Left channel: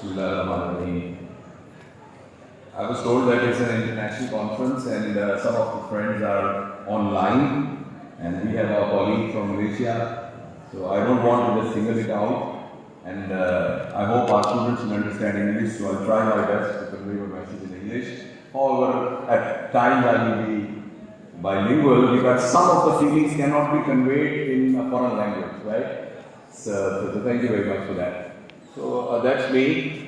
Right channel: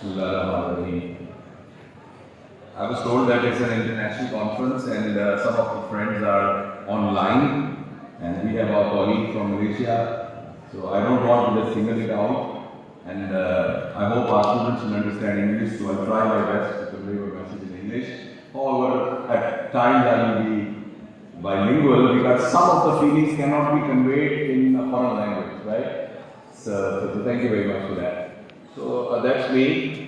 Bismillahirrahmanirrahim. I was told that it's an international conference and some of the friends are online and we have our colleague from Malaysia. So I don't want to just single it out and I hope our students will understand English, so I'll try my best to convey my message in English. However, at times I will be bilingual because some of the feelings cannot be conveyed in a foreign language, right? So thank you very much for that. So that's me.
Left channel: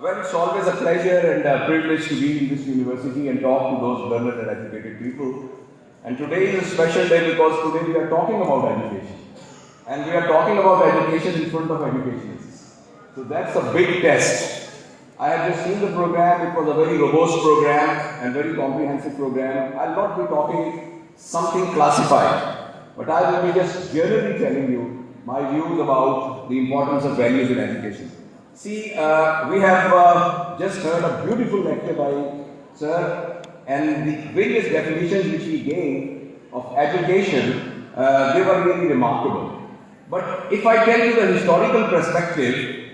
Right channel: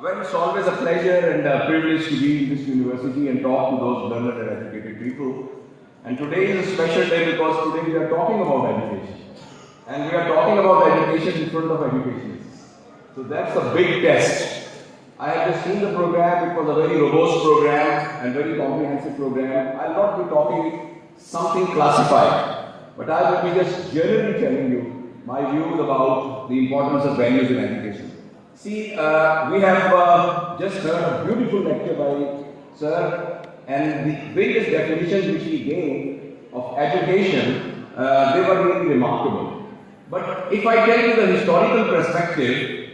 Well, it's always a pleasure and a privilege to be in this university and talk to those learned and educated people. And today is a special day because today we are talking about education. And we are talking about education in front of educationists. So that's a big test. I have just seen the program. It was a very robust program and very comprehensive program. I'll not be talking something classified, but I will be just generally telling you my views about the importance of values in education. See, we have just heard a beautiful lecture by Sir, and the various definitions which he gave of education, they were really remarkable. But if I tell you the historical perspective,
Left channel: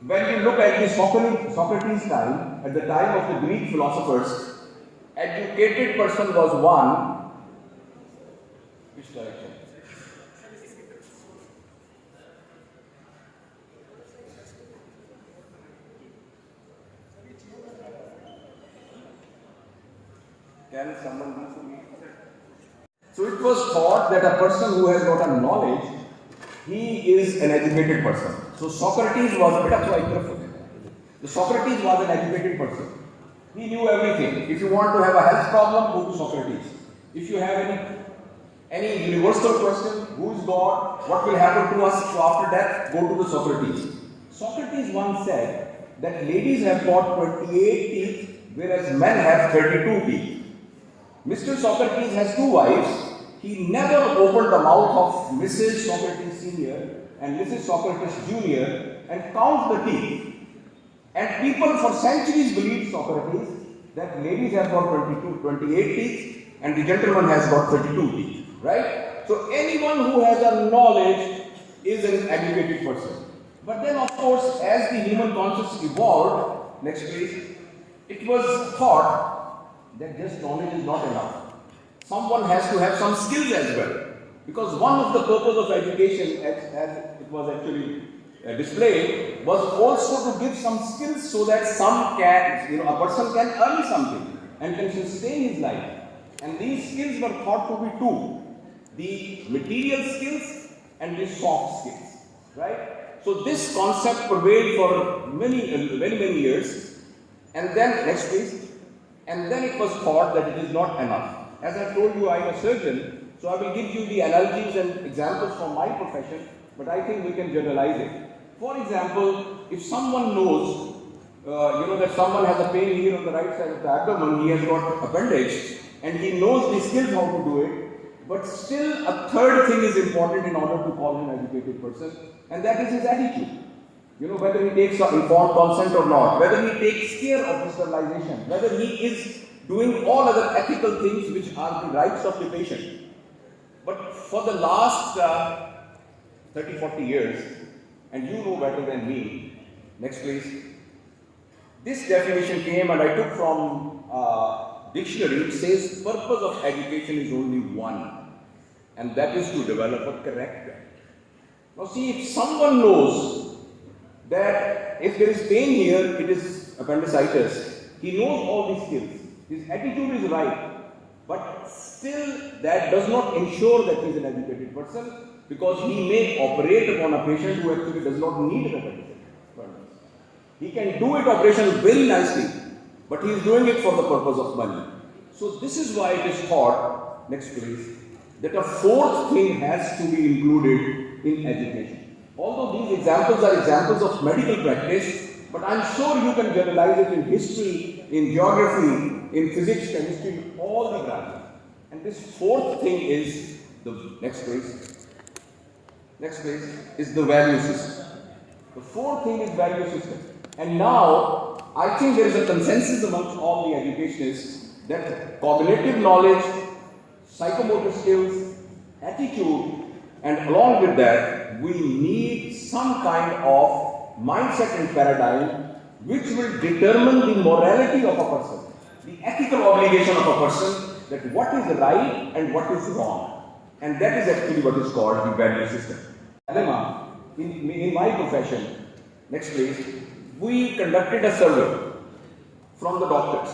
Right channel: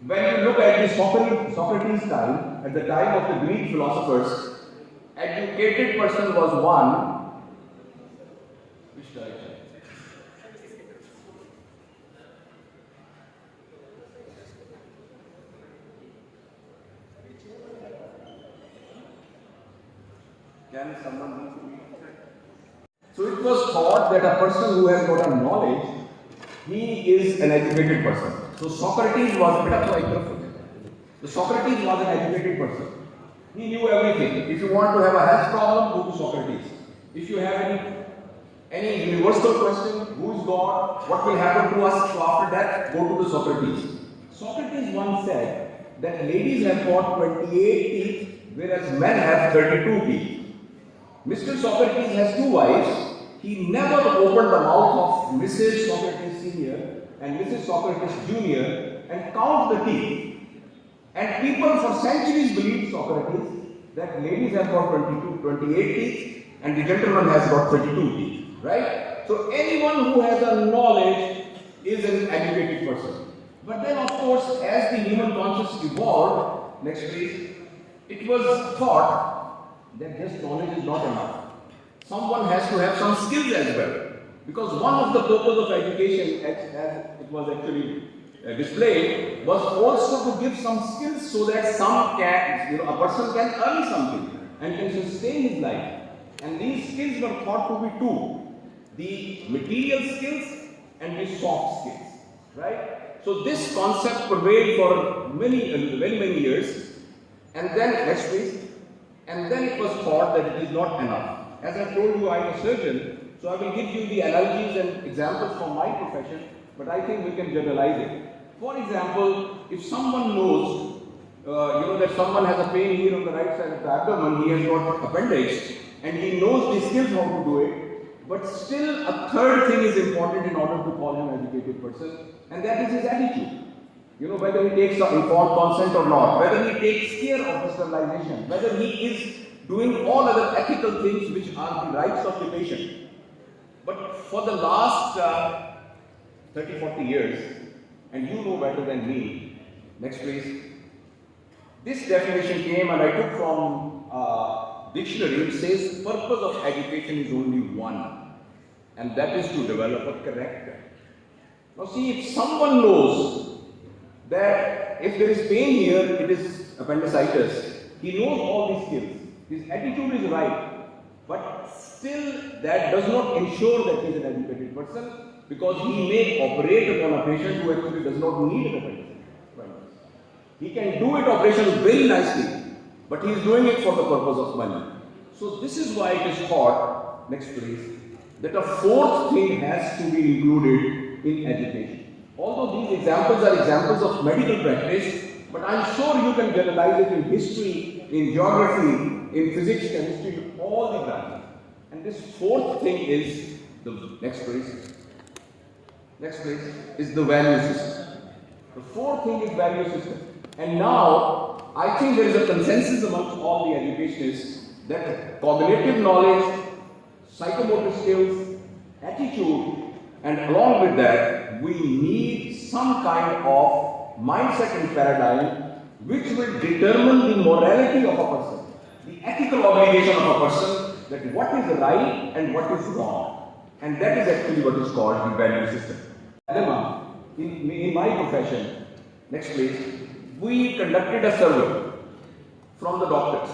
when you look at the Socrates' time, at the time of the Greek philosophers, educated person was one. Which direction? Can someone do for me? So it was thought that a person who has got a knowledge, he is an educated person. So Socrates was a bit of like the Socrates was an educated person. He knew everything. If you want to have a health problem, go to Socrates. If you have any universal question, who is God, what will happen to us after death, go to the Socrates. Socrates once said that ladies have got 28 teeth, whereas men have 32 teeth. Mr. Socrates has two wives. He never opened the mouth of Mrs. Socrates Senior and Mrs. Socrates Junior and count the teeth. And people for centuries believed Socrates that ladies have got 28 teeth and the gentleman has got 32 teeth. Right? So anyone who has a knowledge is an educated person. But then of course, as the human consciousness evolved, next please, it was thought that just knowledge is not enough. Someone has to have some skills as well. Because one of the purpose of education, as it was actually displayed, was also to give some skills so that a person can earn something and can sustain his life. And these skills were thought to be two: the material skills and the soft skills. Right? So this concept prevailed for many years. And then, next please. And then it was thought that it is not enough. As I told you, I am a surgeon, so I will give you the analogies and examples from my profession, but I think we can generalize it. For example, if someone knows, that someone has a pain here on the right side of the abdomen, he has got appendix, and he knows the skills how to do it, but still a third thing is important in order to call him an educated person, and that is his attitude. Whether he takes informed consent or not, whether he takes care of the sterilization, whether he is doing all other ethical things which are the rights of the patient. But for the last 30-40 years, and you know better than me, next please, this definition came and I took from dictionary. It says purpose of education is only one, and that is to develop a character. Now see, if someone knows that if there is pain here, it is appendicitis, he knows all these skills. His attitude is right, but still that does not ensure that he is an educated person, because he may operate upon a patient who actually does not need an appendix. He can do it operation very nicely, but he is doing it for the purpose of money. So this is why it is thought, next please, that a fourth thing has to be included in education. Although these examples are examples of medical practice, but I am sure you can generalize it in history, in geography, in physics, chemistry, in all the branches. And this fourth thing is the next place is the value system. The fourth thing is value system. And now I think there is a consensus amongst all the educationists that cognitive knowledge, psychomotor skills, attitude, and along with that, we need some kind of mindset and paradigm which will determine the morality of a person, the ethical obligation of a person, that what is right and what is wrong. And that is actually what is called the value system. In my profession, next please, we conducted a survey from the doctors.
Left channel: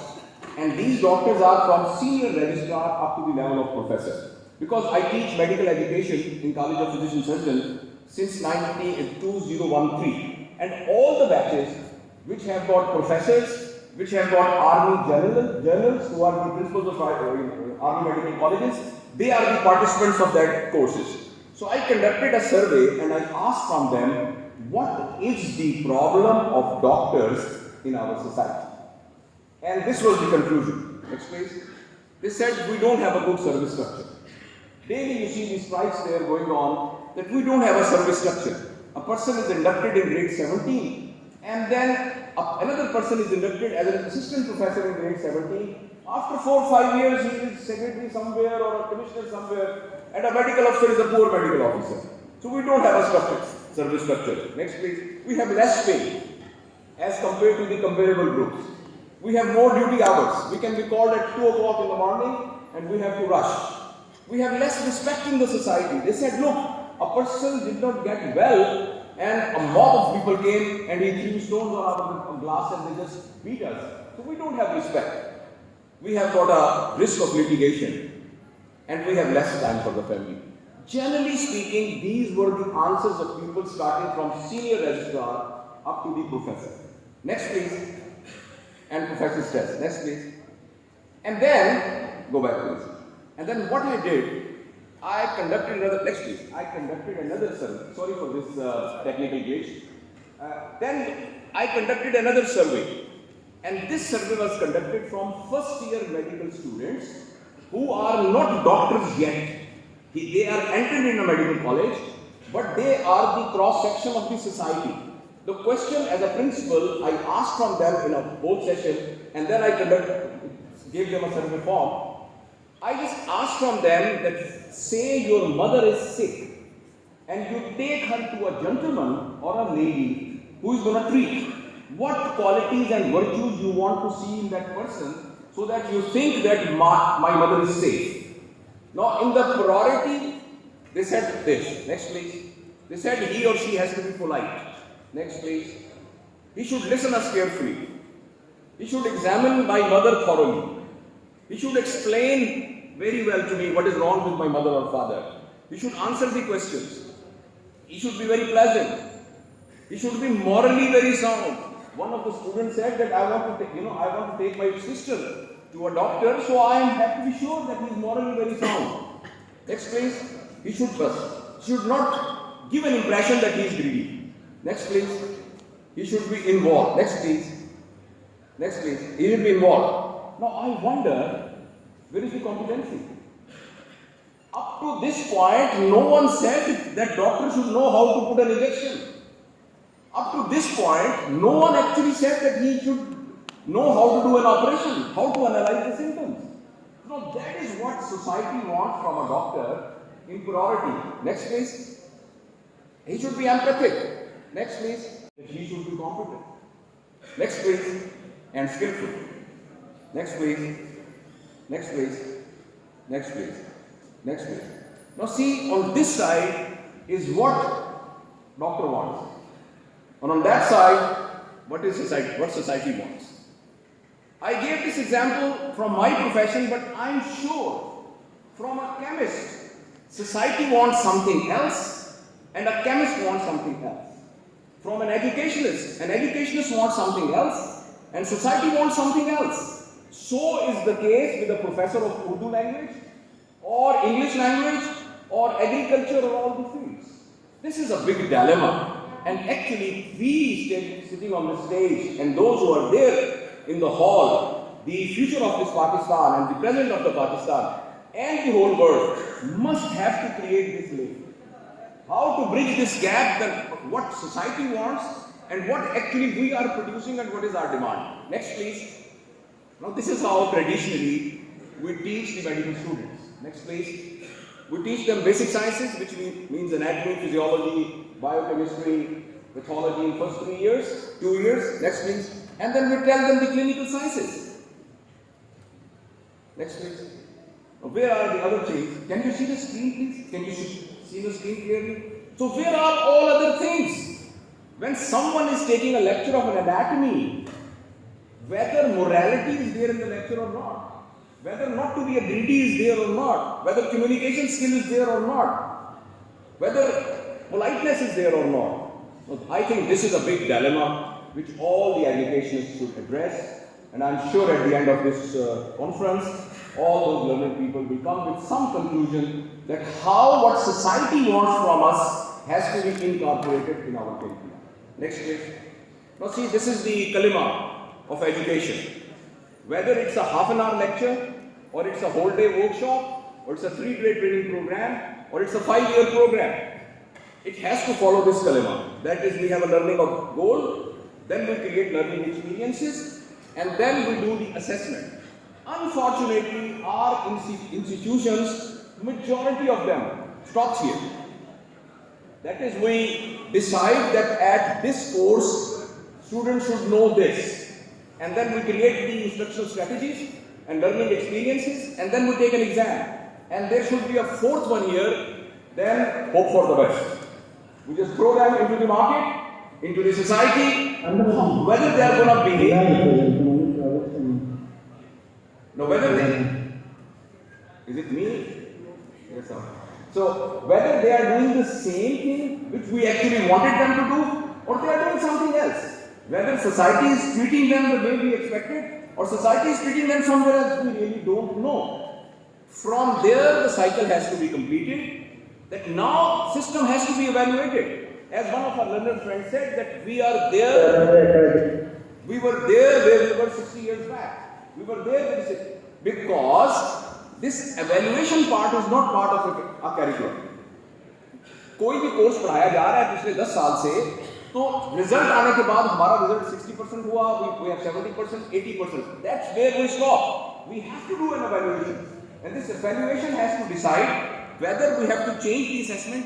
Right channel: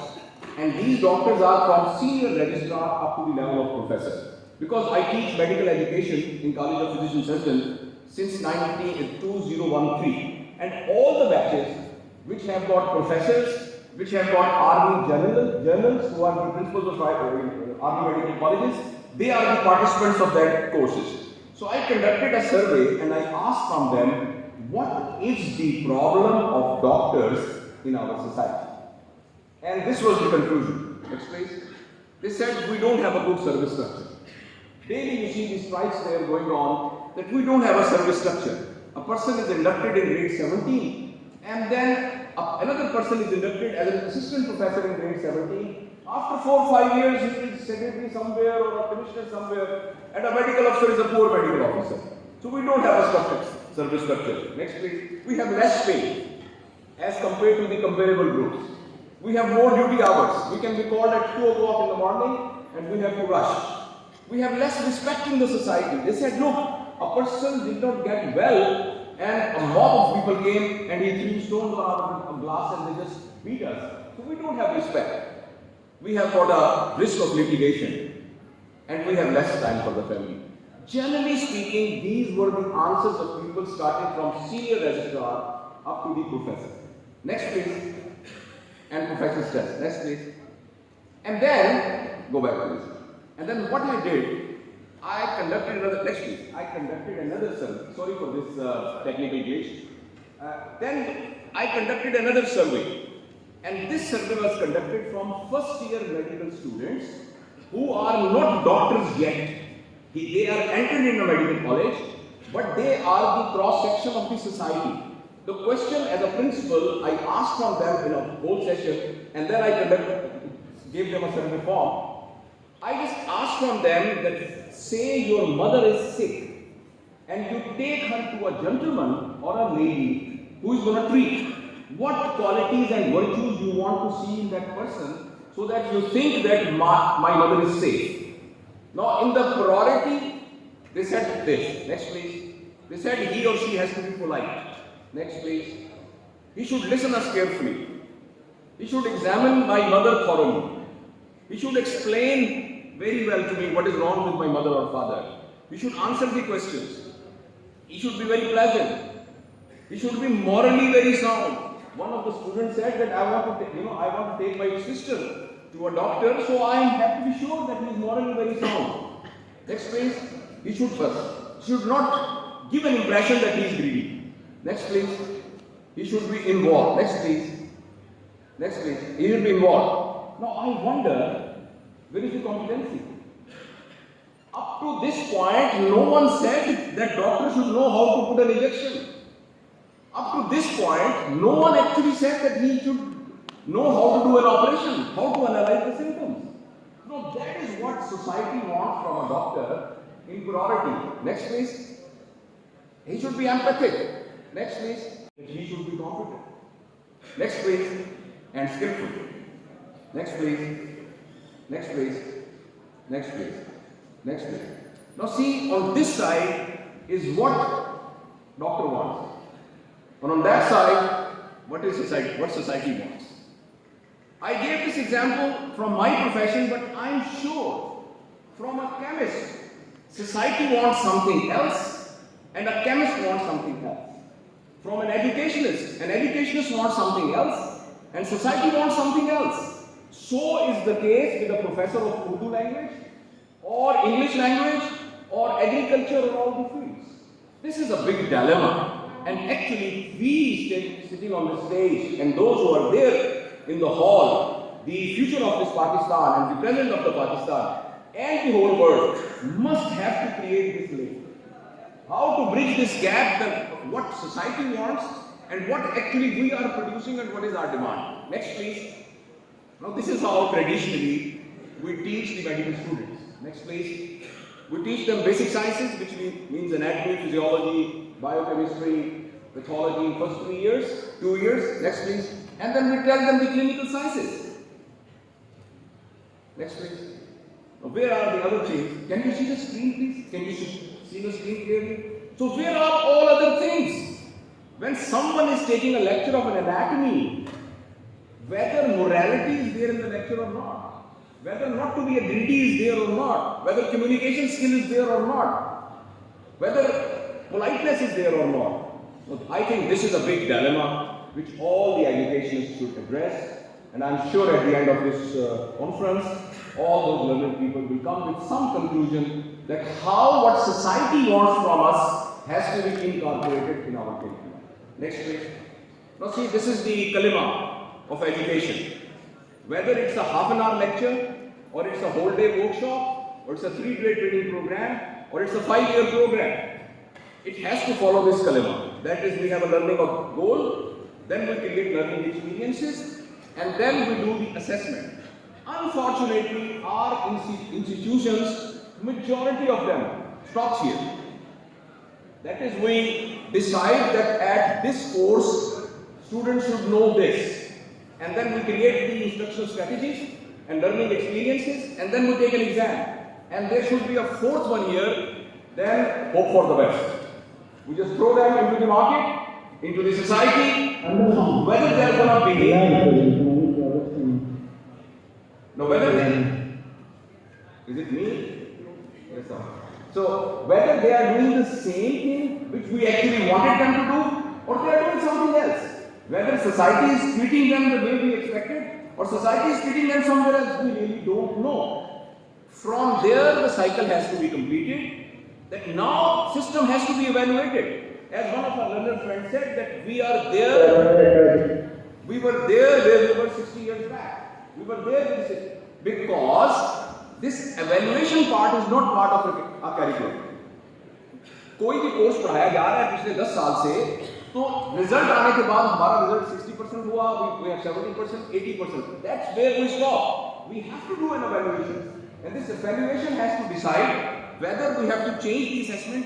And these doctors are from senior registrar up to the level of professor. Because I teach medical education in College of Physician Surgeons since 2013. And all the batches which have got professors, which have got army generals who are the principals of army medical colleges, they are the participants of that courses. So I conducted a survey and I asked from them, what is the problem of doctors in our society? And this was the conclusion. Next please. They said we don't have a good service structure. Daily you see these strikes there going on, that we don't have a service structure. A person is inducted in grade 17 and then another person is inducted as an assistant professor in grade 17. After 4 or 5 years he is secretary somewhere or a commissioner somewhere, and a medical officer is a poor medical officer. So we don't have a service structure. Next please. We have less pay as compared to the comparable groups. We have more duty hours. We can be called at 2 o'clock in the morning and we have to rush. We have less respect in the society. They said, look, a person did not get well and a mob of people came and he threw stones out of the glass and they just beat us. So we don't have respect. We have got a risk of litigation and we have less time for the family. Generally speaking, these were the answers of people starting from senior registrar up to the professor. Next please. And professor's test. Next please. And then, go back please. And then what I did, I conducted another, next please. I conducted another survey. Sorry for this technical glitch. Then I conducted another survey. And this survey was conducted from first year medical students who are not doctors yet. They are entered in a medical college, but they are the cross section of the society. The question as a principal, I asked from them in a whole session, and then I gave them a survey form. I just asked from them that say your mother is sick and you take her to a gentleman or a lady who is going to treat. What qualities and virtues you want to see in that person so that you think that my mother is safe. Now in the priority, they said this. Next please. They said he or she has to be polite. Next please. He should listen us carefully. He should examine my mother thoroughly. He should explain very well to me what is wrong with my mother or father. He should answer the questions. He should be very pleasant. He should be morally very sound. One of the students said that I want to take my sister to a doctor, so I have to be sure that he is morally very sound. Next please. He should not give an impression that he is greedy. Next please. He should be involved. Next please. Next please. He should be involved. Now I wonder, where is the competency? Up to this point, no one said that doctor should know how to put an injection. Up to this point, no one actually said that he should know how to do an operation, how to analyze the symptoms. Now that is what society wants from a doctor in priority. Next please. He should be empathic. Next please. He should be competent. Next please. And skillful. Next please. Next please. Next please. Next please. Now see, on this side is what doctor wants. And on that side, what society wants. I gave this example from my profession, but I'm sure from a chemist, society wants something else and a chemist wants something else. From an educationist wants something else and society wants something else. So is the case with a professor of Urdu language or English language or agriculture or all the fields. This is a big dilemma. And actually, we sitting on the stage and those who are there in the hall, the future of this Pakistan and the present of the Pakistan and the whole world must have to create this link. How to bridge this gap, that what society wants and what actually we are producing and what is our demand. Next please. Now this is how traditionally we teach the medical students. Next please. We teach them basic sciences, which means anatomy, physiology, biochemistry, pathology in first 3 years, 2 years. Next, please. And then we tell them the clinical sciences. Next, please. Now, where are the other things? Can you see the screen, please? Can you see the screen clearly? So, where are all other things? When someone is taking a lecture of an anatomy, whether morality is there in the lecture or not, whether not to be a greedy is there or not, whether communication skill is there or not, whether politeness is there or not. I think this is a big dilemma which all the educationists should address, and I'm sure at the end of this conference, all those learned people will come with some conclusion that what society wants from us has to be incorporated in our curriculum. Next please. Now see, this is the kalima of education. Whether it's a half an hour lecture, or it's a whole day workshop, or it's a 3-day training program, or it's a 5-year program, it has to follow this kalima. That is, we have a learning of goal, then we create learning experiences, and then we do the assessment. Unfortunately, our institutions, majority of them stops here. That is, we decide that at this course, students should know this. And then we create the instructional strategies and learning experiences, and then we take an exam. And there should be a fourth one here, then hope for the best. We just throw them into the market, into the society, whether they are going to behave. No, whether they, is it me? Yes, sir. So, whether they are doing the same thing which we actually wanted them to do, or they are doing something else. Whether society is treating them the way we expected, or society is treating them somewhere else, we really don't know. From there, the cycle has to be completed. That now, system has to be evaluated. As one of our learned friends said, that we are there. We were there where we were 60 years back. We were there because this evaluation part is not part of a curriculum. कोई भी course पढ़ाया जा रहा है पिछले 10 साल से, तो रिजल्ट आने के बाद हमारा रिजल्ट 60% हुआ, we have 70%, 80%. That's where we stop. We have to do an evaluation, and this evaluation has to decide whether we have to change the assessment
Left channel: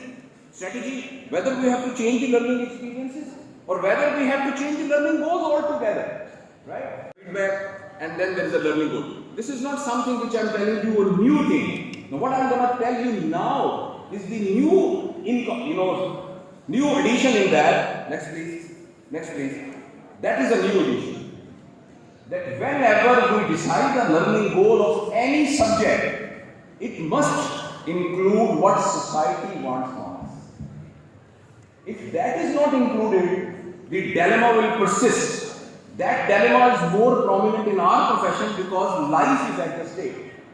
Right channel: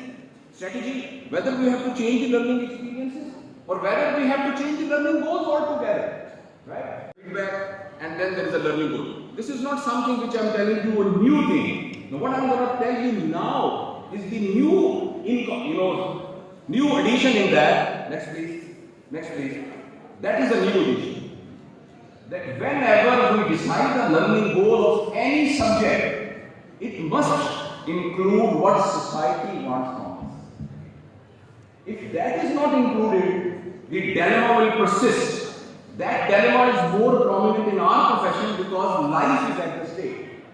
strategy, whether we have to change the learning experiences, or whether we have to change the learning goals altogether. Right? Feedback. And then there is a learning goal. This is not something which I am telling you a new thing. Now, what I am going to tell you now is the new addition in that. Next, please. Next, please. That is a new addition. That whenever we decide the learning goal of any subject, it must include what society wants from us. If that is not included, the dilemma will persist. That dilemma is more prominent in our profession because life is at the stake.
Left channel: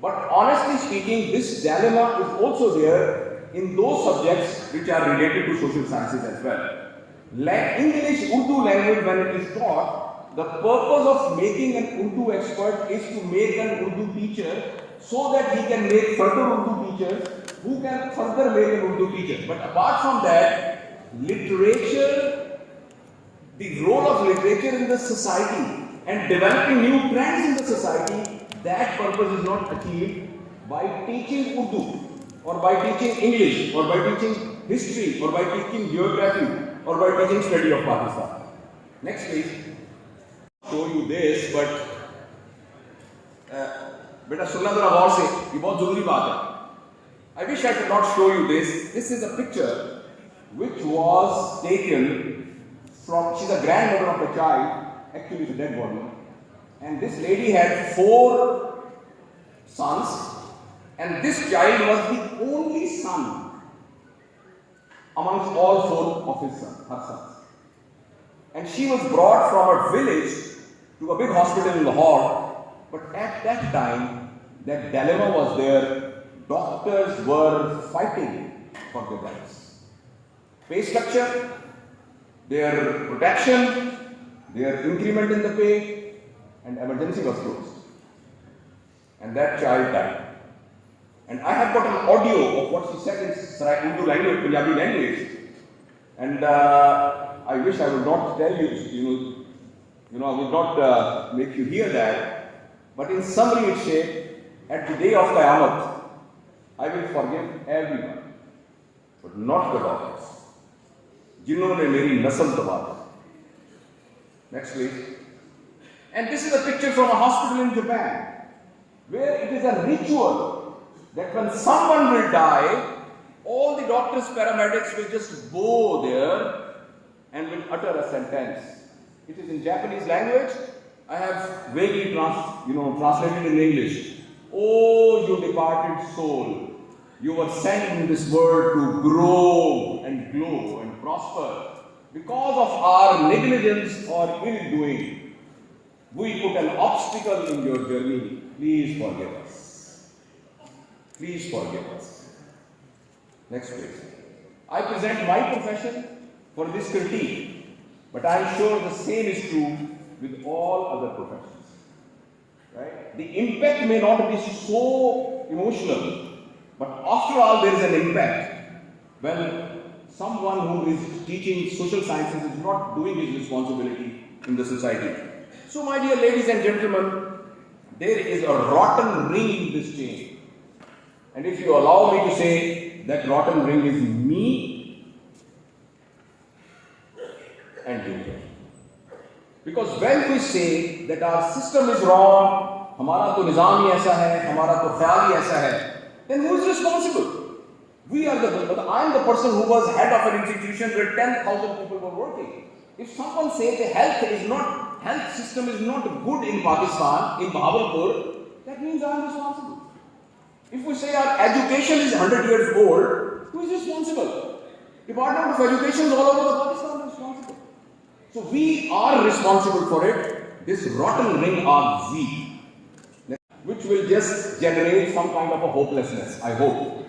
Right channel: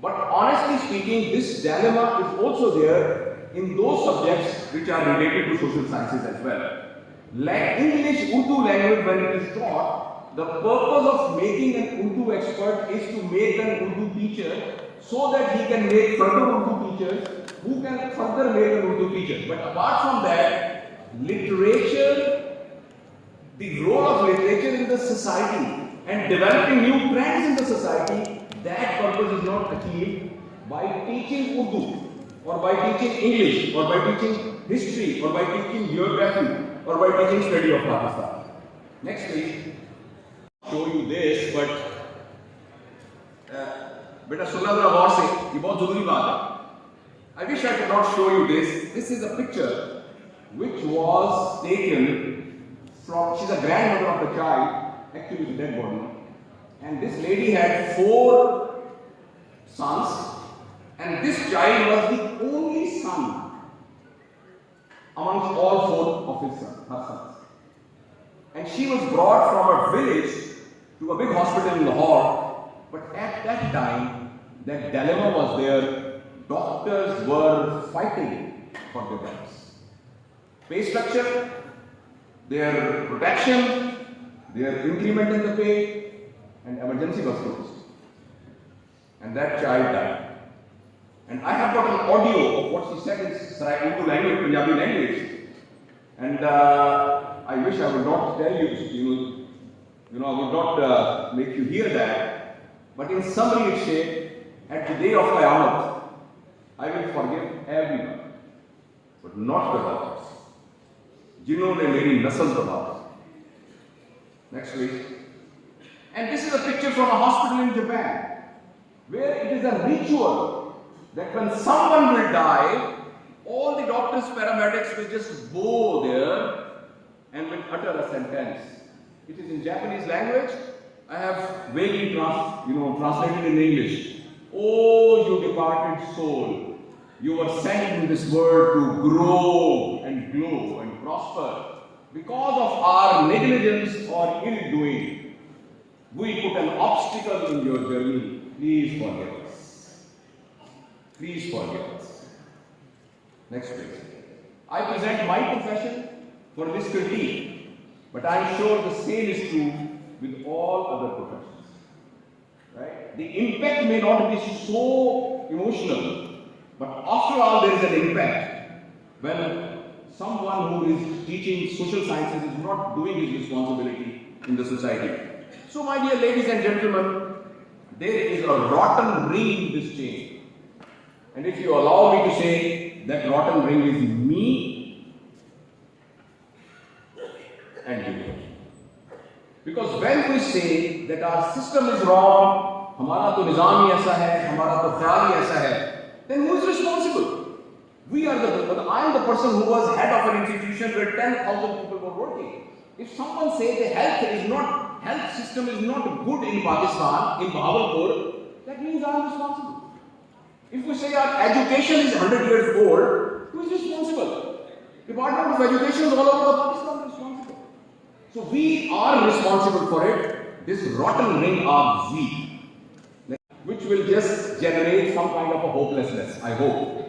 But honestly speaking, this dilemma is also there in those subjects which are related to social sciences as well. Like English, Urdu language, when it is taught, the purpose of making an Urdu expert is to make an Urdu teacher so that he can make further Urdu teachers who can further make an Urdu teacher. But apart from that, literature, the role of literature in the society and developing new trends in the society, that purpose is not achieved by teaching Urdu, or by teaching English, or by teaching history, or by teaching geography, or by teaching study of Pakistan. Next please. Show you this, but beta sunna zara gaur se, ye bahut zaruri baat hai. I wish I could not show you this. This is a picture which was taken from, she's a grandmother of the child, actually it's a dead body, and this lady had 4 sons, and this child was the only son amongst all 4 of her sons. And she was brought from her village to a big hospital in Lahore, but at that time, that dilemma was there. Doctors were fighting for their lives. Pay structure, their protection, their increment in the pay, and emergency was closed. And that child died. And I have got an audio of what she said in Urdu language, Punjabi language. And I wish I would not tell you, I would not make you hear that. But in summary, it said, at the day of Qiyamah, I will forgive everyone, but not the doctors. जिन्होंने मेरी नस्ल तबाह की. Next please. And this is a picture from a hospital in Japan, where it is a ritual that when someone will die, all the doctors, paramedics will just go there and will utter a sentence. It is in Japanese language. I have vaguely translated in English. Oh, you departed soul, you were sent in this world to grow and glow and prosper. Because of our negligence or ill doing, we put an obstacle in your journey. Please forgive us. Please forgive us. Next please. I present my profession for this critique, but I am sure the same is true with all other professions. Right? The impact may not be so emotional, but after all there is an impact when someone who is teaching social sciences is not doing his responsibility in the society. So my dear ladies and gentlemen, there is a rotten ring in this chain. And if you allow me to say, that rotten ring is me and you. Because when we say that our system is wrong, हमारा तो निज़ाम ही ऐसा है, हमारा तो ख्याल ही ऐसा है, then who is responsible? We are I am the person who was head of an institution where 10,000 people were working. If someone says the health system is not good in Pakistan, in Bahawalpur, that means I am responsible. If we say our education is 100 years old, who is responsible? Department of Education is all over Pakistan is responsible. So we are responsible for it. This rotten ring are we, which will just generate some kind of a hopelessness, I hope.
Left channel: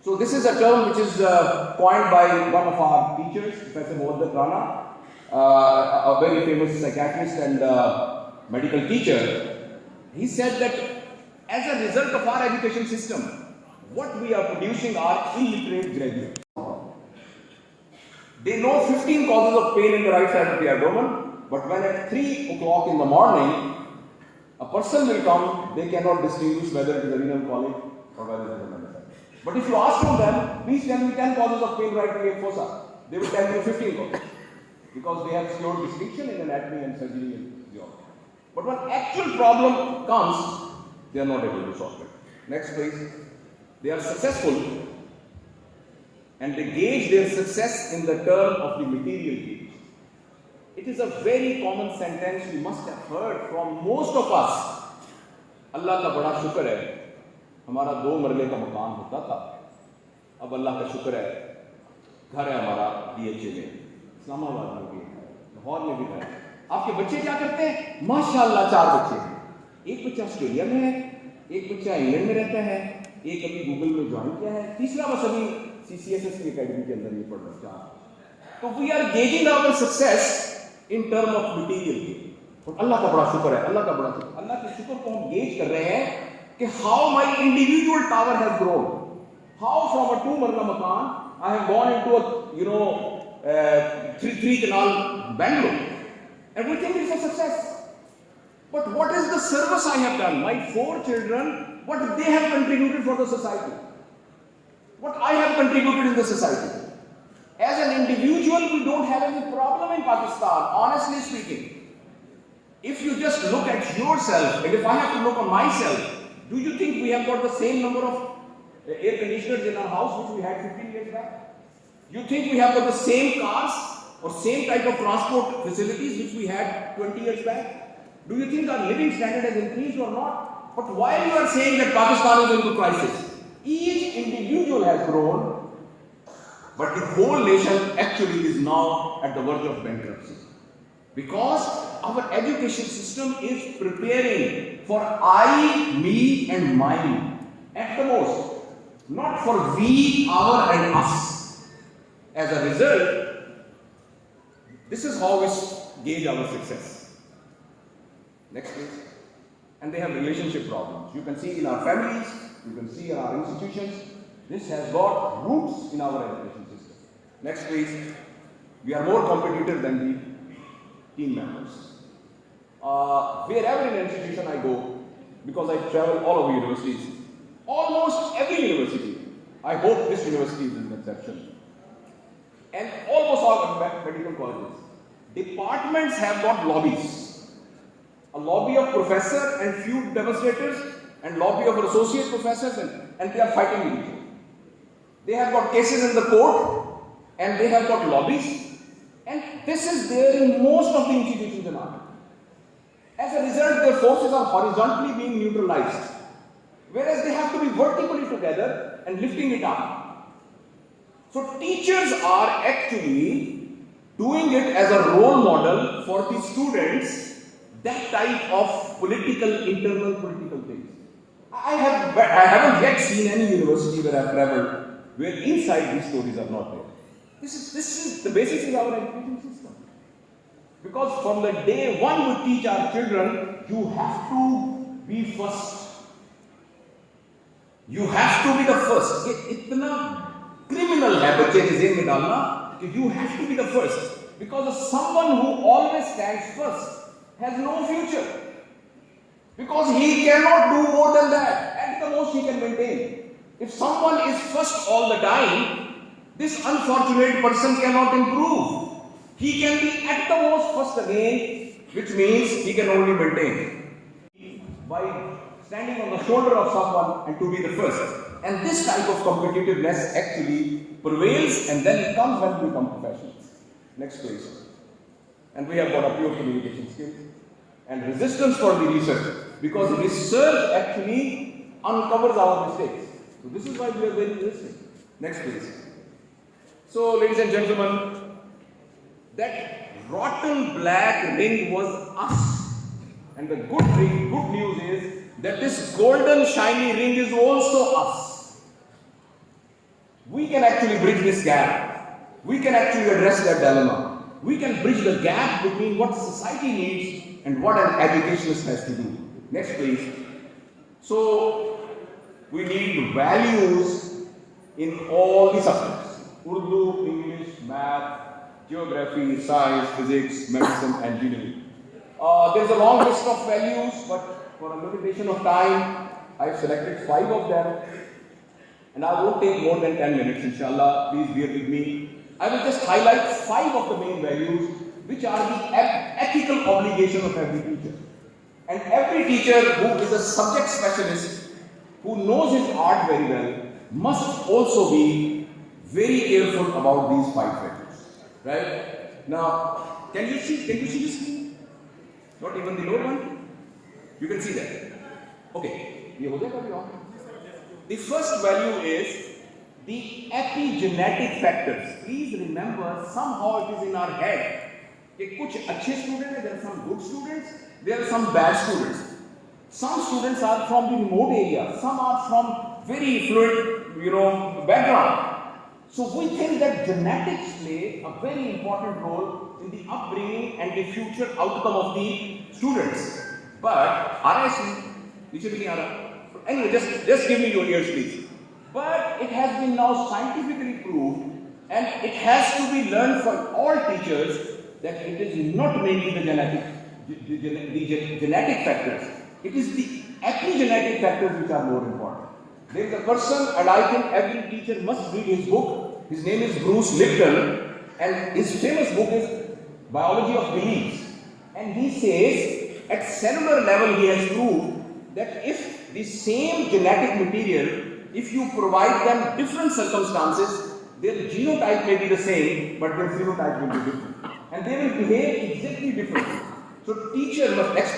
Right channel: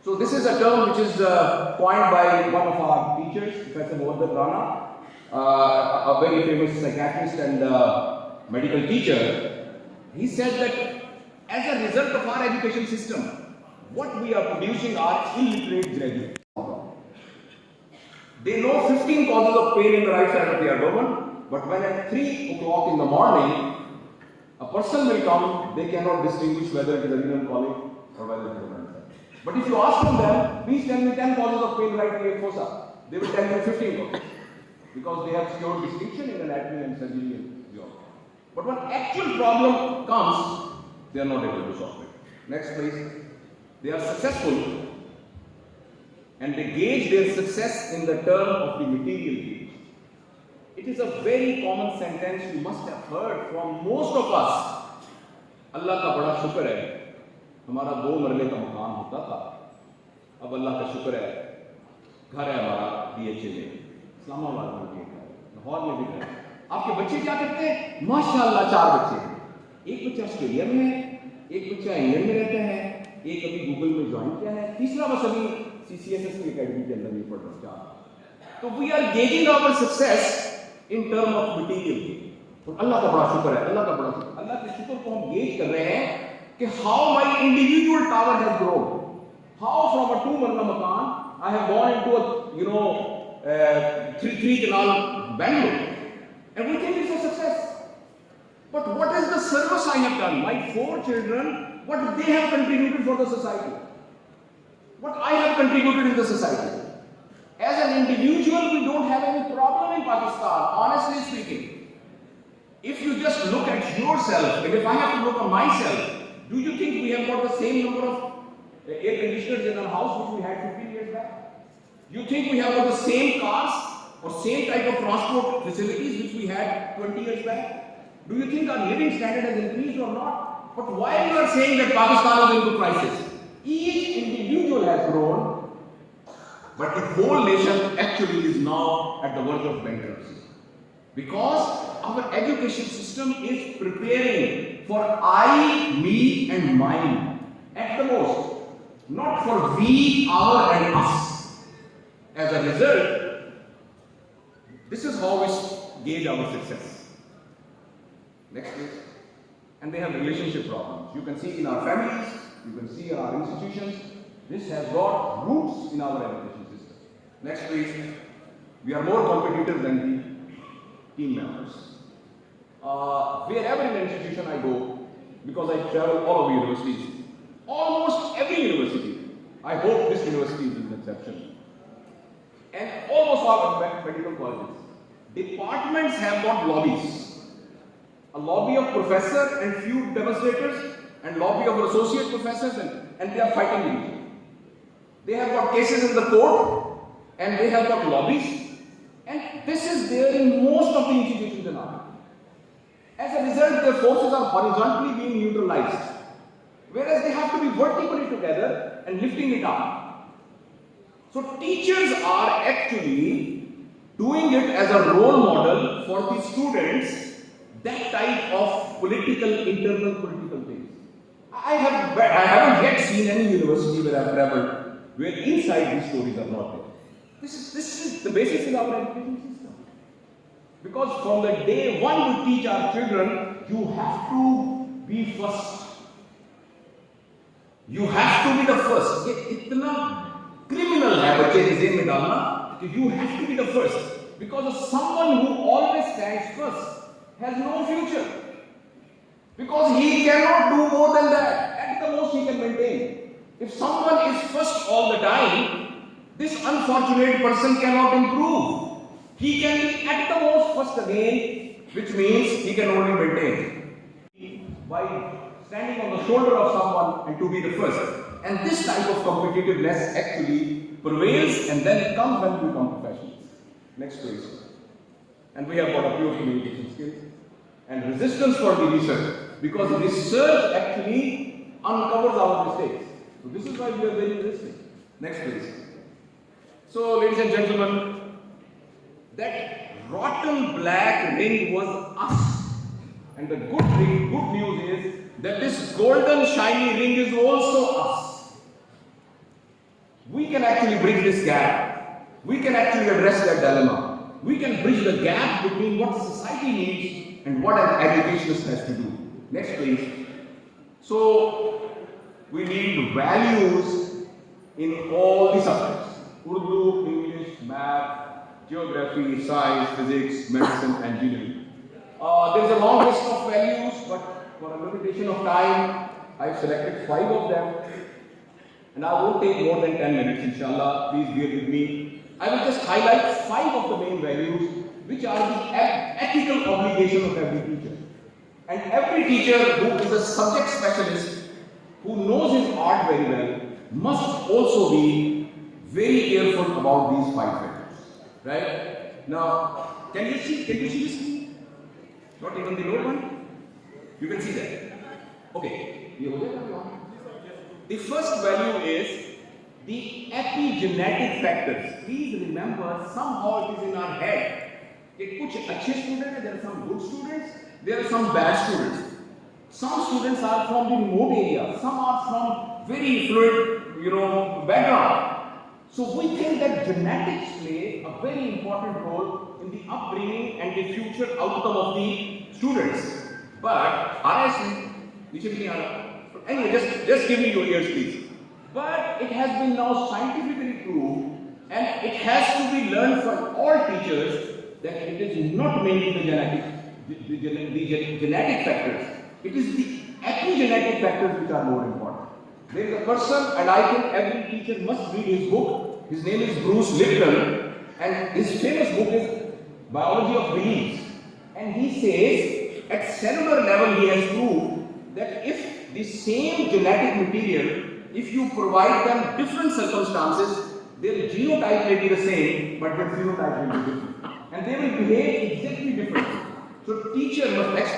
So this is a term which is coined by one of our teachers, Professor Mohammad Rana, a very famous psychiatrist and medical teacher. He said that as a result of our education system, what we are producing are illiterate graduates. They know 15 causes of pain in the right side of the abdomen, but when at 3 o'clock in the morning, a person will come, they cannot distinguish whether it is a renal colic or whether it is a mental. But if you ask from them, please tell me 10 causes of pain right in the fossa, they will tell you 15 causes. Because they have skewed distinction in anatomy and surgery and physiology. But when actual problem comes, they are not able to solve it. Next please. They are successful and they gauge their success in the term of the material gauge. It is a very common sentence you must have heard from most of us. Allah ka bada shukr hai. हमारा 2 मरले का मकान होता था, अब अल्लाह का शुक्र है घर है हमारा DHA में, इस्लामाबाद में भी है, लाहौर में भी है. आपके बच्चे क्या करते हैं? माशाअल्लाह 4 बच्चे हैं. एक बच्चा ऑस्ट्रेलिया में है, एक बच्चा इंग्लैंड में रहता है, एक अभी गूगल में ज्वाइन किया है, तीसरा बस अभी CCSS की एकेडमी के अंदर ये पढ़ रहा है. तो we are gazing our success in term of material. तो अल्लाह का बड़ा शुक्र है, अल्लाह का बड़ा शुक्र. अल्लाह के शुक्र को हम गेज कर रहे हैं कि how my individual tower has grown, how from a 2 marla makan I have gone into a 3 canal Bangalore, and we think it's a success. But what is the service I have done? My 4 children, what they have contributed for the society, what I have contributed in the society. As an individual, we don't have any problem in Pakistan, honestly speaking. If you just look at yourself, and if I have to look at myself, do you think we have got the same number of air conditioners in our house which we had 15 years back? You think we have got the same cars or same type of transport facilities which we had 20 years back? Do you think our living standard has increased or not? But while you are saying that Pakistan is into crisis, each individual has grown, but the whole nation actually is now at the verge of bankruptcy. Because our education system is preparing for I, me and mine at the most, not for we, our and us. As a result, this is how we gauge our success. Next please. And they have relationship problems. You can see in our families, you can see in our institutions, this has got roots in our education system. Next please. We are more competitive than the team members. Wherever in an institution I go, because I travel all over universities, Almost every university, I hope this university is an exception, and almost all medical colleges, departments have got lobbies. A lobby of professor and few demonstrators, and lobby of associate professors, and they are fighting each other. They have got cases in the court, and they have got lobbies, and this is there in most of the institutions in India. As a result, their forces are horizontally being neutralized, whereas they have to be vertically together and lifting it up. So teachers are actually doing it as a role model for the students, that type of internal political things. I haven't yet seen any university where I've traveled where inside these stories are not there. This is the basis of our education system. Because from the day one we teach our children, you have to be first. You have to be the first. Itna criminal hai bachche ke zehn mein dalna कि you have to be the first. Because someone who always stands first has no future. Because he cannot do more than that. At the most he can maintain. If someone is first all the time, this unfortunate person cannot improve. He can be at the most first again, which means he can only maintain. By standing on the shoulder of someone and to be the first. And this type of competitiveness actually prevails, and then it comes when we become professionals. Next please. And we have got a pure communication skills and resistance for the research, because research actually uncovers our mistakes. So this is why we are very resistant. Next please. So ladies and gentlemen, that rotten black ring was us. And the good news is that this golden shiny ring is also us. We can actually bridge this gap. We can actually address that dilemma. We can bridge the gap between what society needs and what an educationist has to do. Next please. So we need values in all the subjects. Urdu, English, math, geography, science, physics, medicine, engineering. There is a long list of values, but for a limitation of time, I have selected 5 of them. And I won't take more than 10 minutes, inshallah. Please bear with me. I will just highlight 5 of the main values, which are the ethical obligation of every teacher. And every teacher who is a subject specialist, who knows his art very well, must also be very careful about these 5 values. Right? Now, can you see the screen? Not even the lower one? You can see that. Okay. The first value is the epigenetic factors. Please remember, somehow it is in our head. Kuch achhe students, there are some good students, there are some bad students. Some students are from the remote area, some are from very fluid, background. So we think that genetics play a very important role in the upbringing and the future outcome of the students. But anyway, just give me your ears, please. But it has been now scientifically proved, and it has to be learned for all teachers, that it is not mainly the genetic factors. It is the epigenetic factors which are more important. There is a person, and I think every teacher must read his book. His name is Bruce Lipton, and his famous book is Biology of Beliefs. And he says, at cellular level, he has proved that if the same genetic material, if you provide them different circumstances, their genotype may be the same, but their phenotype will be different. And they will behave exactly differently. So teacher must, next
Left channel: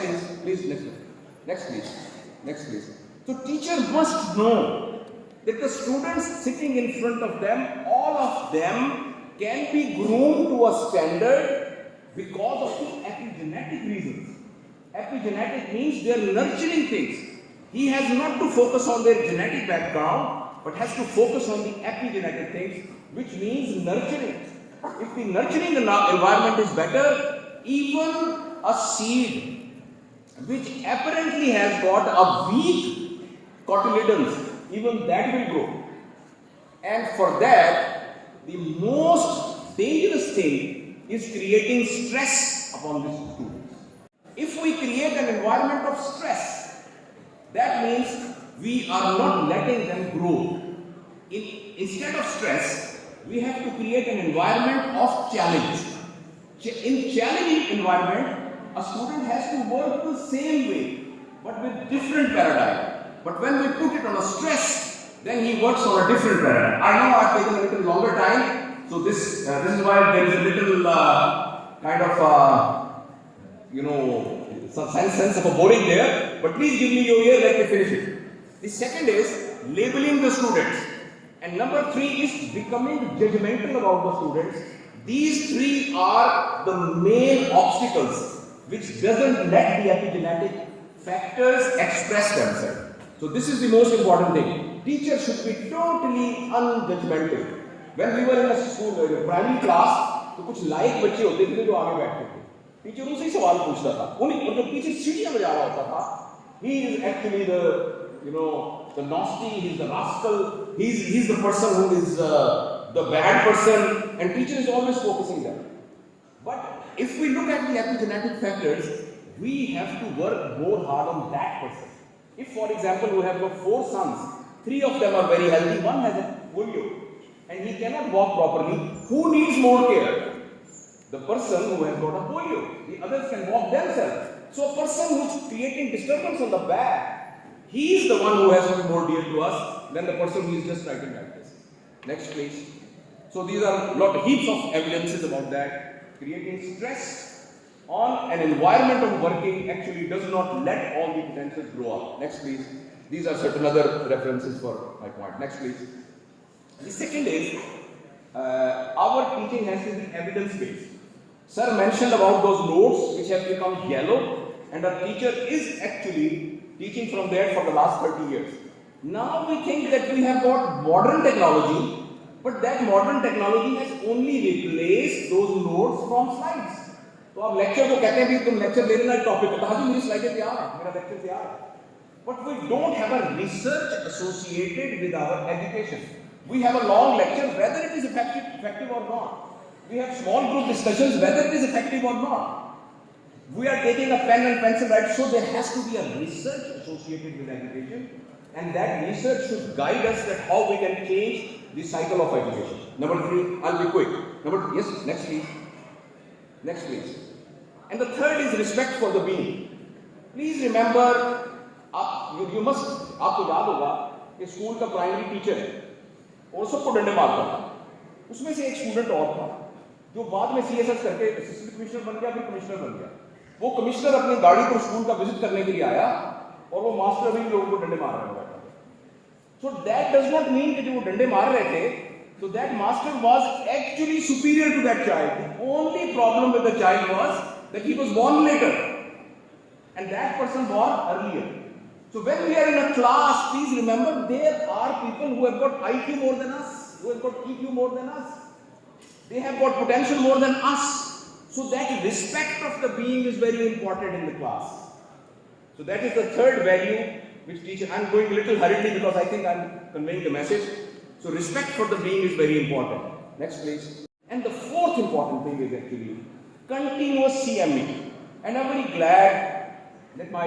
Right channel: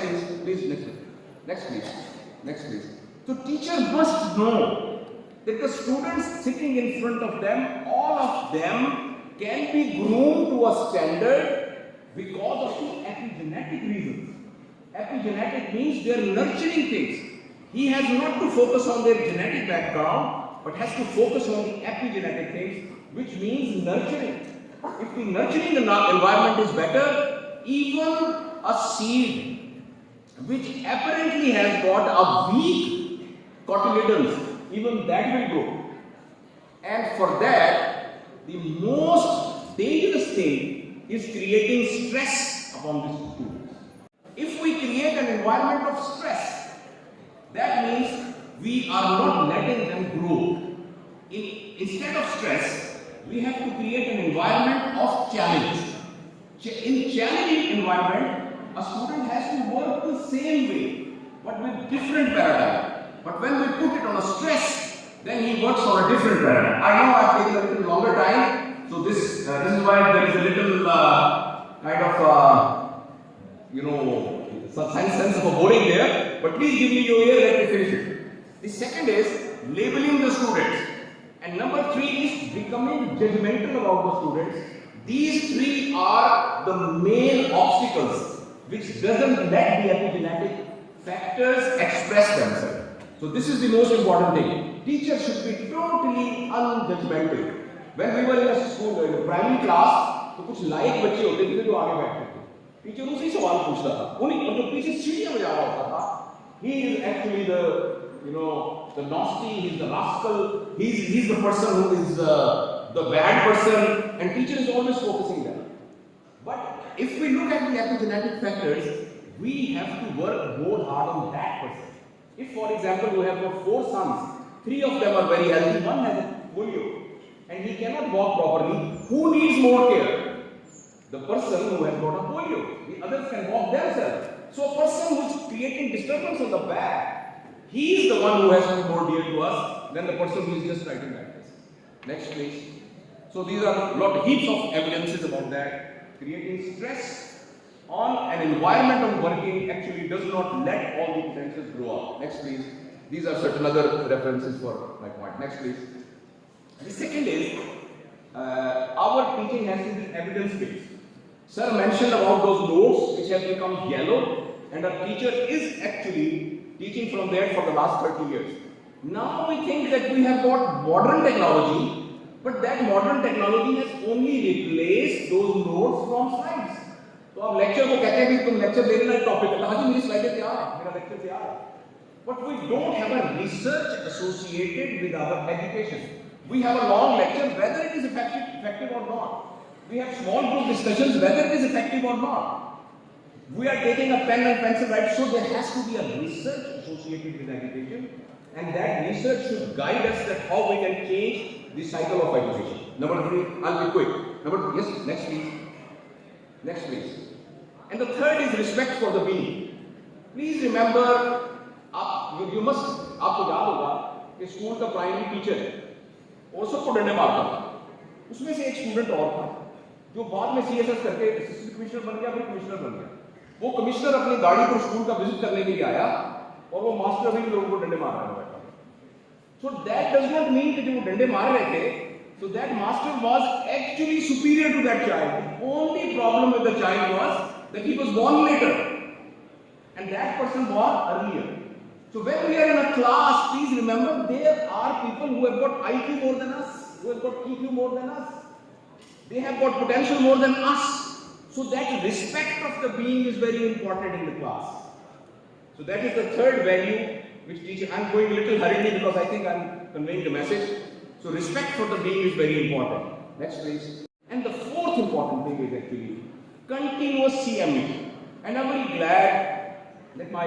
please. So teacher must know that the students sitting in front of them, all of them can be groomed to a standard because of the epigenetic reasons. Epigenetic means they are nurturing things. He has not to focus on their genetic background, but has to focus on the epigenetic things, which means nurturing. If the nurturing environment is better, even a seed which apparently has got a weak cotyledons, even that will grow. And for that, the most dangerous thing is creating stress upon these students. If we create an environment of stress, that means we are not letting them grow. Instead of stress, we have to create an environment of challenge. In challenging environment, a student has to work the same way, but with different paradigm. But when we put it on a stress, then he works on a different paradigm. I know I have taken a little longer time, so this is why there is a little kind of some sense of a boring there. But please give me your ear, let me finish it. The second is labeling the students, and number 3 is becoming judgmental about the students. These 3 are the main obstacles which doesn't let the epigenetic factors express themselves. So this is the most important thing. Teachers should be totally unjudgmental. When we were in a school, in a primary class, तो कुछ लायक बच्चे होते थे जो आगे बैठते थे. Teacher उनसे ही सवाल पूछता था. उन्हीं जो पीछे सीढ़ियां बजा रहा होता था. He is actually the nasty. He's the rascal. He's the person who is the bad person, and teacher is always focusing there. But if we look at the epigenetic factors, we have to work more hard on that person. If, for example, you have got 4 sons, 3 of them are very healthy, one has a polio, and he cannot walk properly, who needs more care? The person who has got a polio. The others can walk themselves. So a person who is creating disturbance on the back, he is the one who has to be more dear to us than the person who is just writing like this. Next, please. So these are heaps of evidences about that. Creating stress on an environment of working actually does not let all the potentials grow up. Next, please. These are certain other references for my point. Next, please. The second is our teaching has to be evidence-based. Sir mentioned about those notes which have become yellow, and our teacher is actually teaching from there for the last 30 years. Now we think that we have got modern technology, but that modern technology has only replaced those notes from slides. तो आप lecture को कहते हैं भी तुम lecture लेने लायक topic है, हाँ जी मेरी स्लाइडें तैयार है, मेरा लेक्चर तैयार है. But we don't have a research associated with our education. We have a long lecture whether it is effective or not. We have small group discussions whether it is effective or not. We are taking a pen and pencil, right? So there has to be a research associated with education, and that research should guide us that how we can change the cycle of education. Number 3, I'll be quick. Yes, next please. Next please. And the third is respect for the being. Please remember, आपको याद होगा कि school का primary teacher है और सबको डंडे मारता था. उसमें से एक स्टूडेंट और था जो बाद में CSS करके असिस्टेंट कमिश्नर बन गया, फिर कमिश्नर बन गया. वो कमिश्नर अपनी गाड़ी पर स्कूल का विजिट करने के लिए आया और वो मास्टर अभी भी लोगों को डंडे मार रहा है बैठा. So that does not mean कि जो वो डंडे मार रहे थे, so that master was actually superior to that child. The only problem with the child was that he was born later and that person born earlier. So when we are in a class, please remember there are people who have got IQ more than us, who have got EQ more than us. They have got potential more than us. So that respect of the being is very important in the class. So that is the third value which teacher, I'm going a little hurriedly because I think I'm conveying the message. So respect for the being is very important. Next please. And the fourth important thing is actually continuous CME. And I'm very glad that my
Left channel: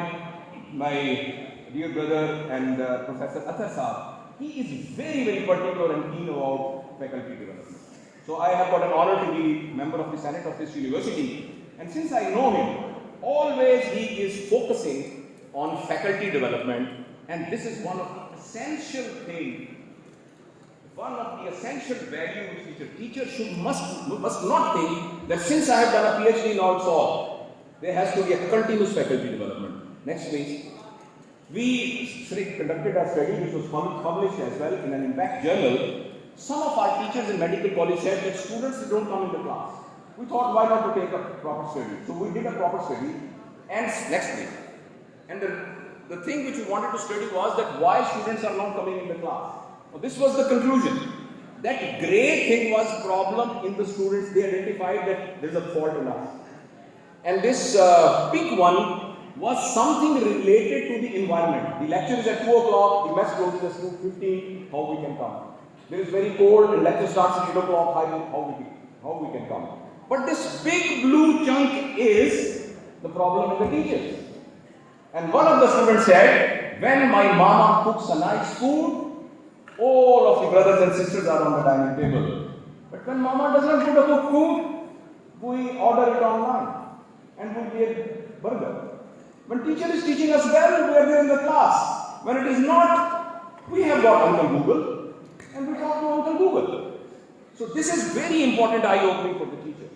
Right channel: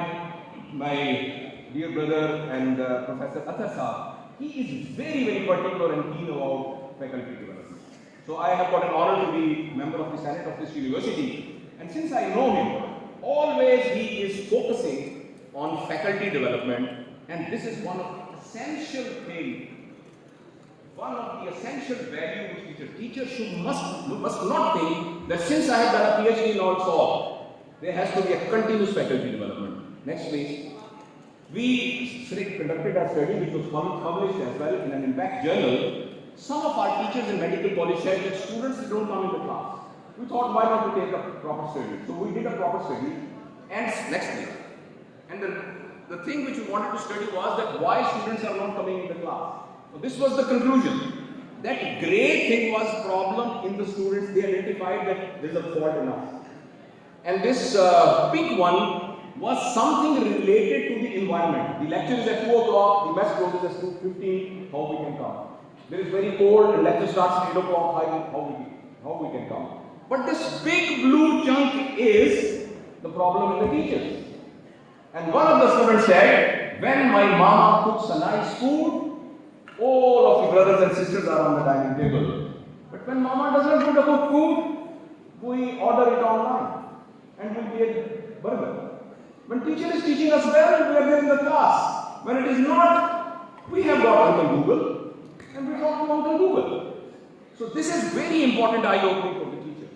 dear brother and Professor Athar Saab, he is very, very particular and keen about faculty development. So I have got an honor to be member of the Senate of this university. And since I know him, always he is focusing on faculty development. And this is one of the essential things. One of the essential values which a teacher must not think that since I have done a PhD in all solve, there has to be a continuous faculty development. Next please. We conducted a study which was published as well in an impact journal. Some of our teachers in medical college said that students don't come into class. We thought why not to take a proper study. So we did a proper study. And next please. And the thing which we wanted to study was that why students are not coming in the class. So this was the conclusion. That gray thing was problem in the students. They identified that there is a fault in us. And this pink one was something related to the environment. The lecture is at 2 o'clock, the mess closes at 2:15, how we can come. There is very cold and lecture starts at 8 o'clock, how we can come. But this big blue chunk is the problem in the teachers. And one of the students said, when my mama cooks a nice food, all of the brothers and sisters are on the dining table. But when mama does not put a good food, we order it online and we get burger. When teacher is teaching us well, we are there in the class. When it is not, we have got Uncle Google and we talk to Uncle Google. So this is very important eye-opening for the teacher.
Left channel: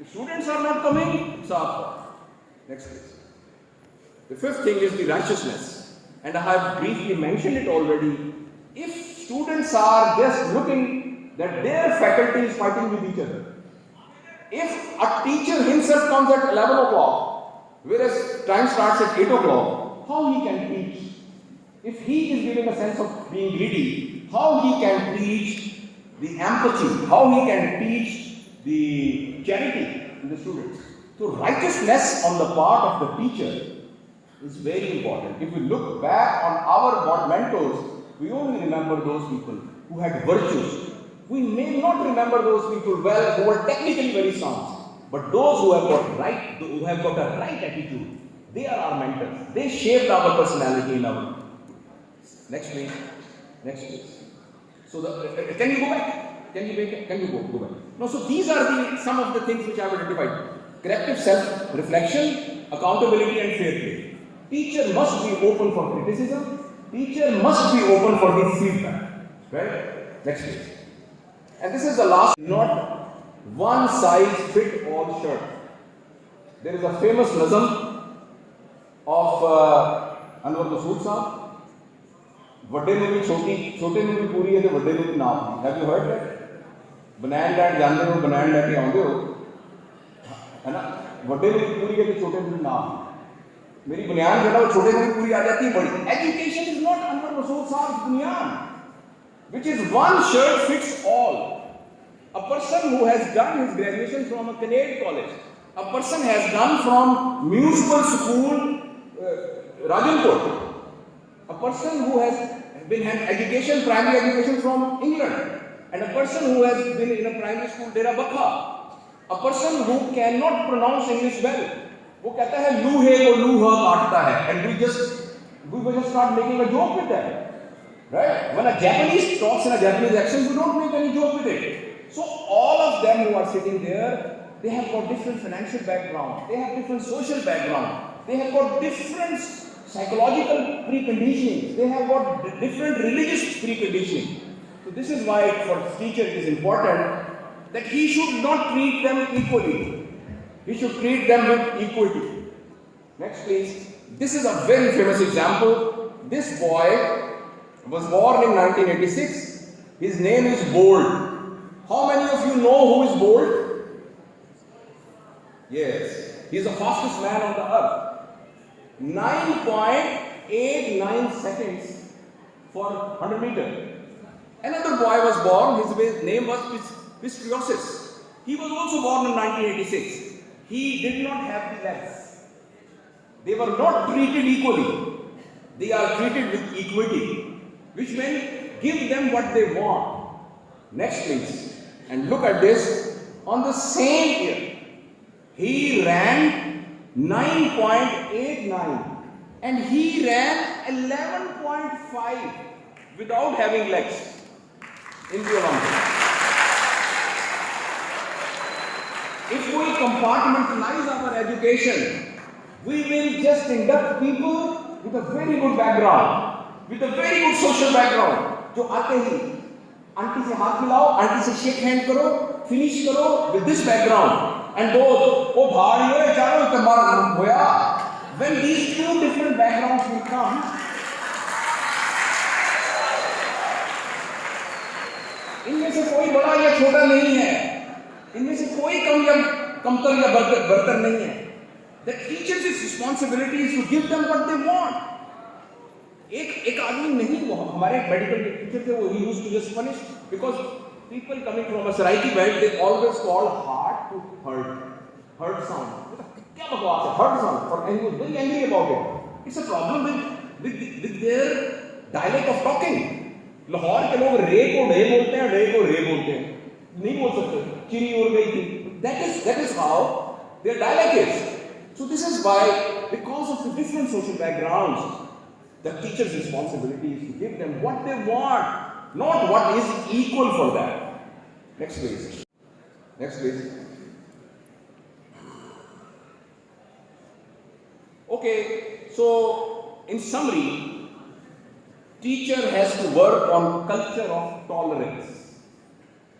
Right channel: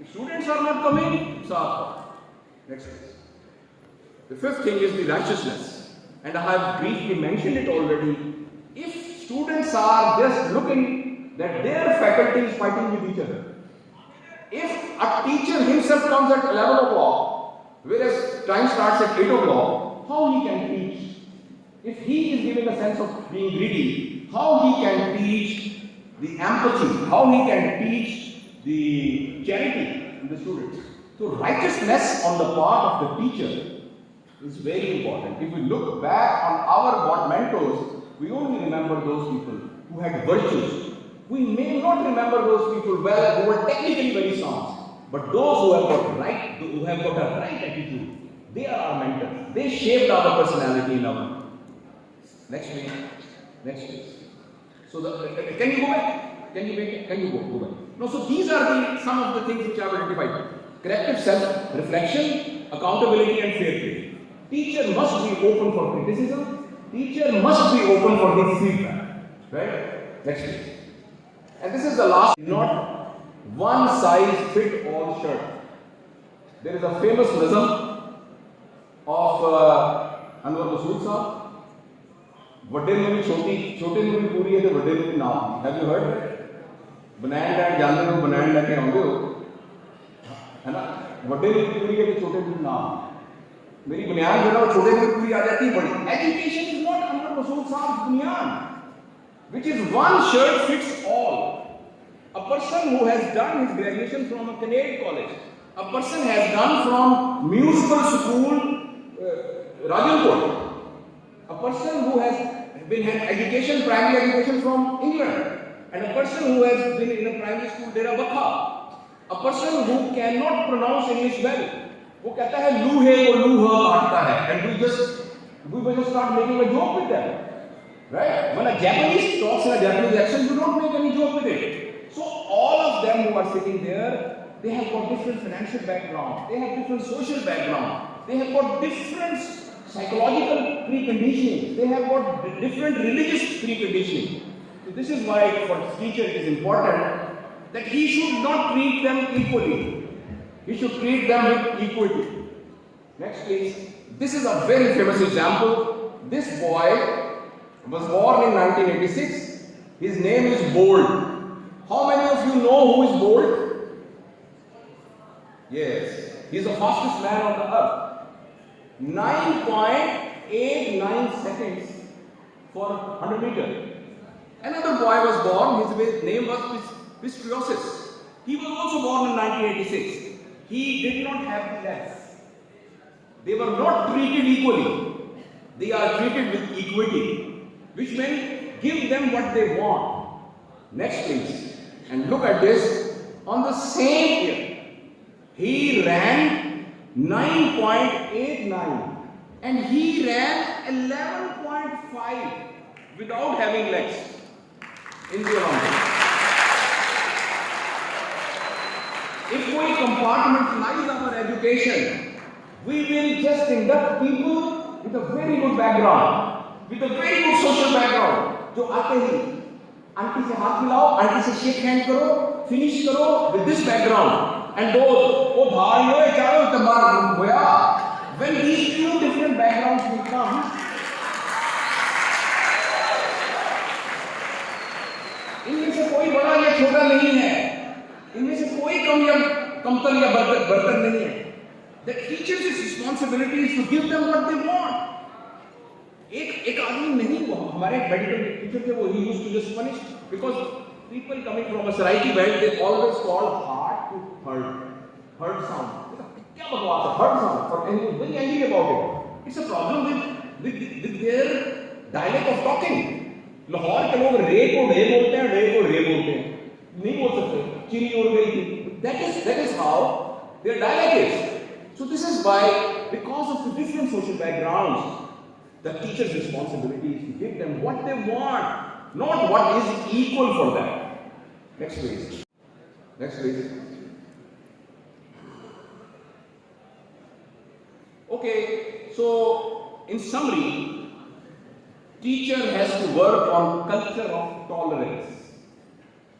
If students are not coming, it's our fault. Next please. The fifth thing is the righteousness. And I have briefly mentioned it already. If students are just looking that their faculty is fighting with each other, if a teacher himself comes at 11 o'clock, whereas time starts at 8 o'clock, how he can teach? If he is giving a sense of being greedy, how he can teach the empathy, how he can teach the charity in the students? So righteousness on the part of the teacher is very important. If we look back on our mentors, we only remember those people who had virtues. We may not remember those people well who were technically very sound, but those who have got right, who have got a right attitude, they are our mentors. They shaped our personality in our. Next please. Next please. So can you go back? Can you go back? No. So these are some of the things which I have identified: corrective self-reflection, accountability, and fair play. Teacher must be open for criticism. Teacher must be open for the feedback. Right? Next please. And this is the last. Not one size fit all shirt. There is a famous nazm of Anwar Masood Sahab. ਵੱਡੇ ਨੂੰ ਵੀ ਛੋਟੇ ਨੂੰ ਵੀ ਪੂਰੀ ਹੈ ਤੇ ਵੱਡੇ ਨੂੰ ਵੀ ਨਾਮ। Have you heard that? ਬਨੈਣ ਲੈਣ ਜਾਂਦੇ ਹੋ, ਬਨੈਣ ਲੈ ਕੇ ਆਉਂਦੇ ਹੋ, है ना? ਵੱਡੇ ਨੂੰ ਵੀ ਪੂਰੀ ਹੈ ਤੇ ਛੋਟੇ ਨੂੰ ਵੀ ਨਾਮ। मेरी बुनियाद जो है वो छोटे में पूरी आ जाती है बड़ी। Education is not Anwar Masood Saab's बुनियाद, which is one shirt fits all. A person who has done his graduation from a Canadian college, a person has done from municipal school Rajanpur, a person who has had education, primary education from England, and a person who has been in a primary school Dera Bakha, a person who cannot pronounce English well. वो कहता है लू है वो लू ह काटता है, and we will just start making a joke with that, right? When a Japanese talks in a Japanese accent, we don't make any joke with it. So all of them who are sitting there, they have got different financial background, they have different social background, they have got different psychological preconditioning, they have got different religious preconditioning. So this is why for the teacher it is important that he should not treat them equally. We should treat them with equity. Next please. This is a very famous example. This boy was born in 1986. His name is Bolt. How many of you know who is Bolt? Yes. He is the fastest man on the earth. 9.89 seconds for 100 meters. Another boy was born. His name was Pistriosis. He was also born in 1986. He did not have the legs. They were not treated equally. They are treated with equity, which means give them what they want. Next please. And look at this. On the same year, he ran 9.89 and he ran 11.5 without having legs in the Olympics. If we compartmentalize our education, we will just induct people with a very good background, with a very good social background. जो आते ही aunty से हाथ मिलाओ, aunty से shake hand करो, finish करो with this background, and those वो भाइयों ये चारों तुम्हारा ग्रुप होया. When these two different backgrounds will come, इनमें से कोई बड़ा या छोटा नहीं है. इनमें से कोई कमतर या बर्तर नहीं है. The teacher's responsibility is to give them what they want. एक आदमी नहीं, वो हमारे मेडिकल टीचर थे, वो he used to just punish because people coming from a Saraiki belt, they always call heart to hurt sound. क्या बकवास है, hurt sound, and he was very angry about it. It's a problem with their dialect of talking. Lahore के लोग रे को रे बोलते हैं, रे को रे बोलते हैं, नहीं बोल सकते. चिड़ी उड़ गई थी. That is how their dialect is. So this is why, because of the different social backgrounds, The teacher's responsibility is to give them what they want, not what is equal for them. Next please. Next please. Okay, so in summary, teacher has to work on culture of tolerance.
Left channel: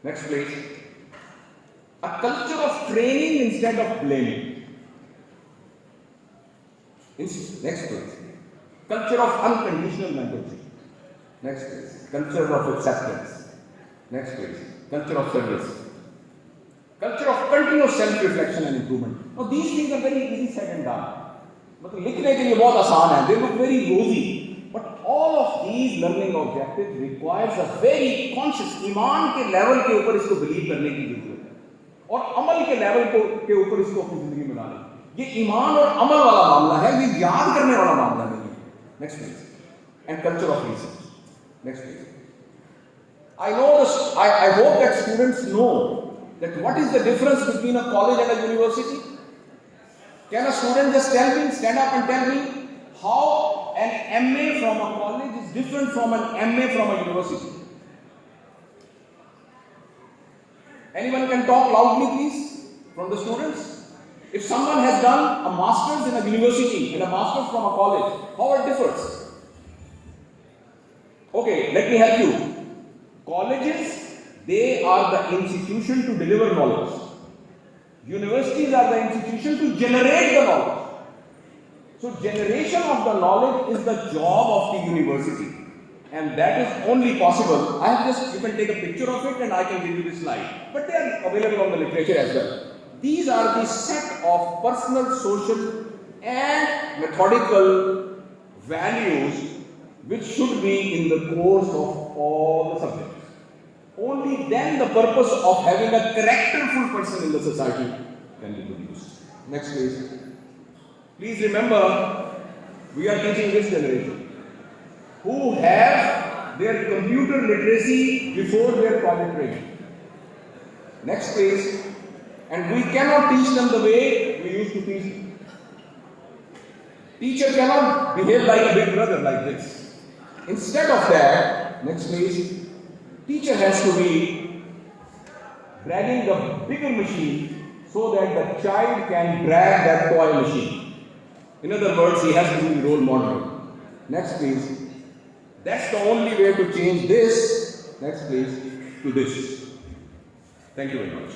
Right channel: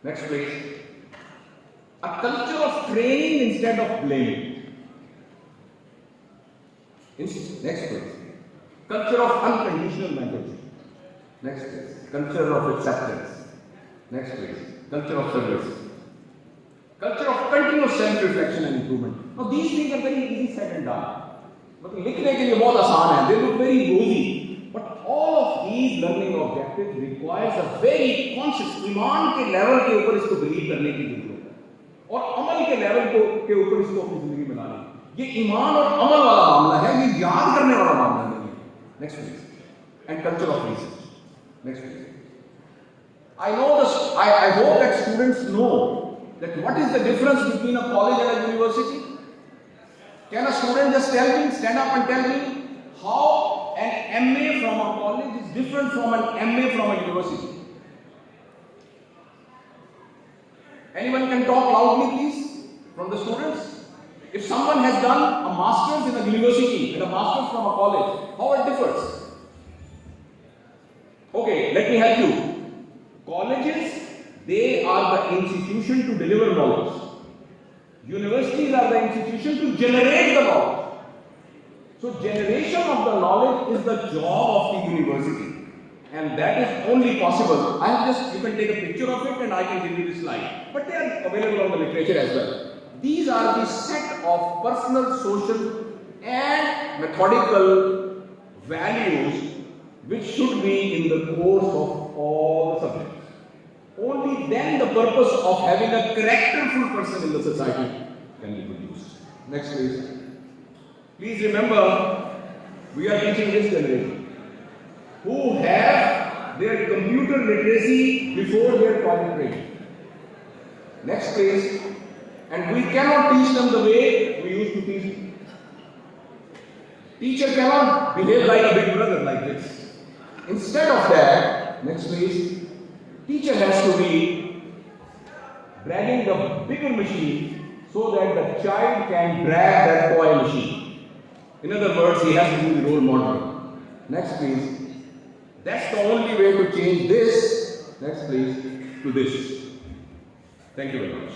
Next please. A culture of training instead of blaming. Next please. Culture of unconditional mentorship. Next please. Culture of acceptance. Next please. Culture of service. Culture of continuous self-reflection and improvement. Now these things are very easy said and done. मतलब लिखने के लिए बहुत आसान है. They look very rosy. But all of these learning objectives requires a very conscious ईमान के level के ऊपर इसको believe करने की जरूरत है. और अमल के लेवल के ऊपर इसको अपनी जिंदगी में लाने. ये ईमान और अमल वाला मामला है. ये याद करने वाला मामला नहीं है. Next please. And culture of research. Next please. I hope that students know that what is the difference between a college and a university. Can a student just stand up and tell me how an MA from a college is different from an MA from a university? Anyone can talk loudly please from the students? If someone has done a master's in a university and a master's from a college, how it differs? Okay, let me help you. Colleges, they are the institution to deliver knowledge. Universities are the institution to generate the knowledge. So generation of the knowledge is the job of the university. And that is only possible. You can take a picture of it and I can give you the slide. But they are available on the literature as well. These are the set of personal, social and methodical values which should be in the course of all the subjects. Only then the purpose of having a characterful person in the society can be produced. Next please. Please remember, we are teaching this generation who have their computer literacy before their project training. Next please. And we cannot teach them the way we used to teach them. Teacher cannot behave like a big brother like this. Instead of that, next please. Teacher has to be dragging the bigger machine so that the child can drag that toy machine. In other words, he has to be the role model. Next please. That's the only way to change this, next please, to this. Thank you very much.